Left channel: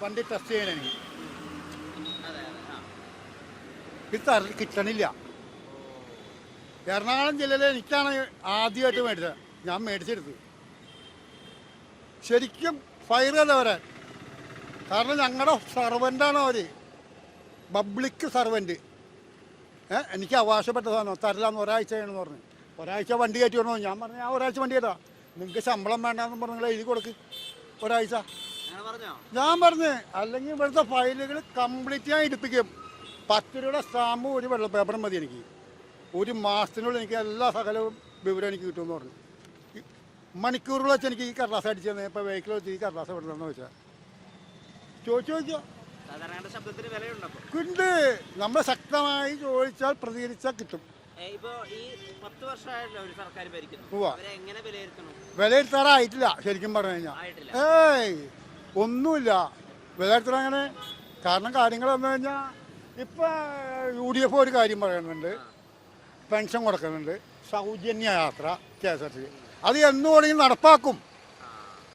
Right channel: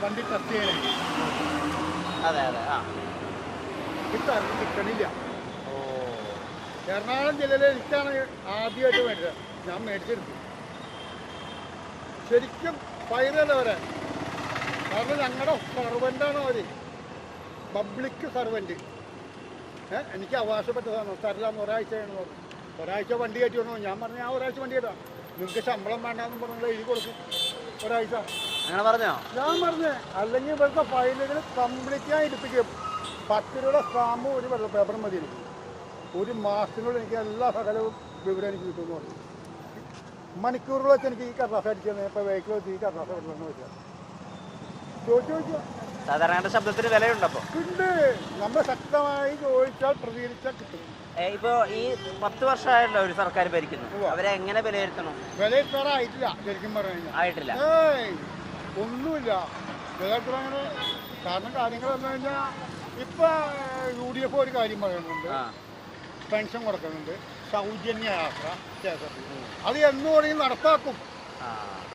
വണ്ടി ടെസ്റ്റ് ചെയ്യണേ. അതെ അതെ. ആ ഇത് കിട്ടണില്ല. എറണാകുളം ജില്ലയിൽ എനിക്കാണ് ആദ്യമായിട്ട് മേടിച്ചത്. ഞാൻ മേടിച്ചെടുത്തു. ശരിക്കും ഫൈനല്ല അവരെ. കാരണം ഞങ്ങളുടെ സർവൻ്റാണ് അവർ, പബ്ലിക് സർവൻ്റ്. എനിക്ക് അവകാശപ്പെട്ടതാണ്, തരില്ലാന്ന് ഒരാഴ്ച വേണമെന്ന് പറഞ്ഞു. ഒരാഴ്ച വണ്ടി കയറ്റി വന്നു. ഞാൻ പറഞ്ഞു ഞാൻ ഒരാഴ്ച വണ്ടി കയറ്റാം, നിങ്ങൾക്ക് ശമ്പളം വേണ്ടെന്ന് പറഞ്ഞാൽ എഴുതി കൊടുക്ക് ഒരാഴ്ച. അങ്ങനെ പറഞ്ഞോ? ഞാൻ പറഞ്ഞേ, അല്ലെങ്കിൽ ഇവിടുത്തെ ഫയലുകൾ കംപ്ലീറ്റ് ഞാൻ എടുപ്പിക്കും. 10 രൂപയുടെ സ്റ്റാമ്പും ഒരു വെള്ള പേപ്പറും മതി എനിക്ക്. ഒരു മാസത്തിനുള്ളിൽ എനിക്ക് എല്ലാ സകലവും വിവരം എനിക്ക് കിട്ടുമെന്ന് പറഞ്ഞു. മണിക്കൂറുകൾ വെച്ച് എനിക്ക് ഈ കടലാസ് അടിച്ചു തന്നെ. ഇപ്പം വെഹിക്കിൾ വെച്ച് ഈ കടലാസ് വിടണമെന്ന് വെച്ചാൽ ചോദിച്ചോ. സാധാരണ ശബ്ദത്തിന് വിലയുണ്ടപ്പോൾ കിട്ടേ. നമ്മൾ ശക്തമായി ചോദിച്ചാൽ പ്രതികരിച്ചാൽ കിട്ടും. ഇപ്പൊ ഈ 10 വർഷമായല്ലോ ഒരു സർക്കാർ ഭരിക്കുന്നു, അവരെ എങ്ങനെ വിലയിരുത്തണം? വിലയിരുത്താറായിട്ടില്ല ശരിക്കും പറഞ്ഞു കഴിഞ്ഞാൽ. ആയിട്ടില്ല. ഒന്നുമില്ല വിലയിരുത്തണം അങ്ങനെ. കാരണം കാര്യങ്ങൾ വന്നു കഴിഞ്ഞാൽ ഇപ്പൊ UDF ഒരു കാര്യം പറയുന്നുണ്ട്, പെൻഷൻ കൊടുക്കുന്നുണ്ട്, സൗജന്യ യാത്ര KSRTC. അത് എന്നു വേണമെങ്കിൽ നടപ്പാക്കും.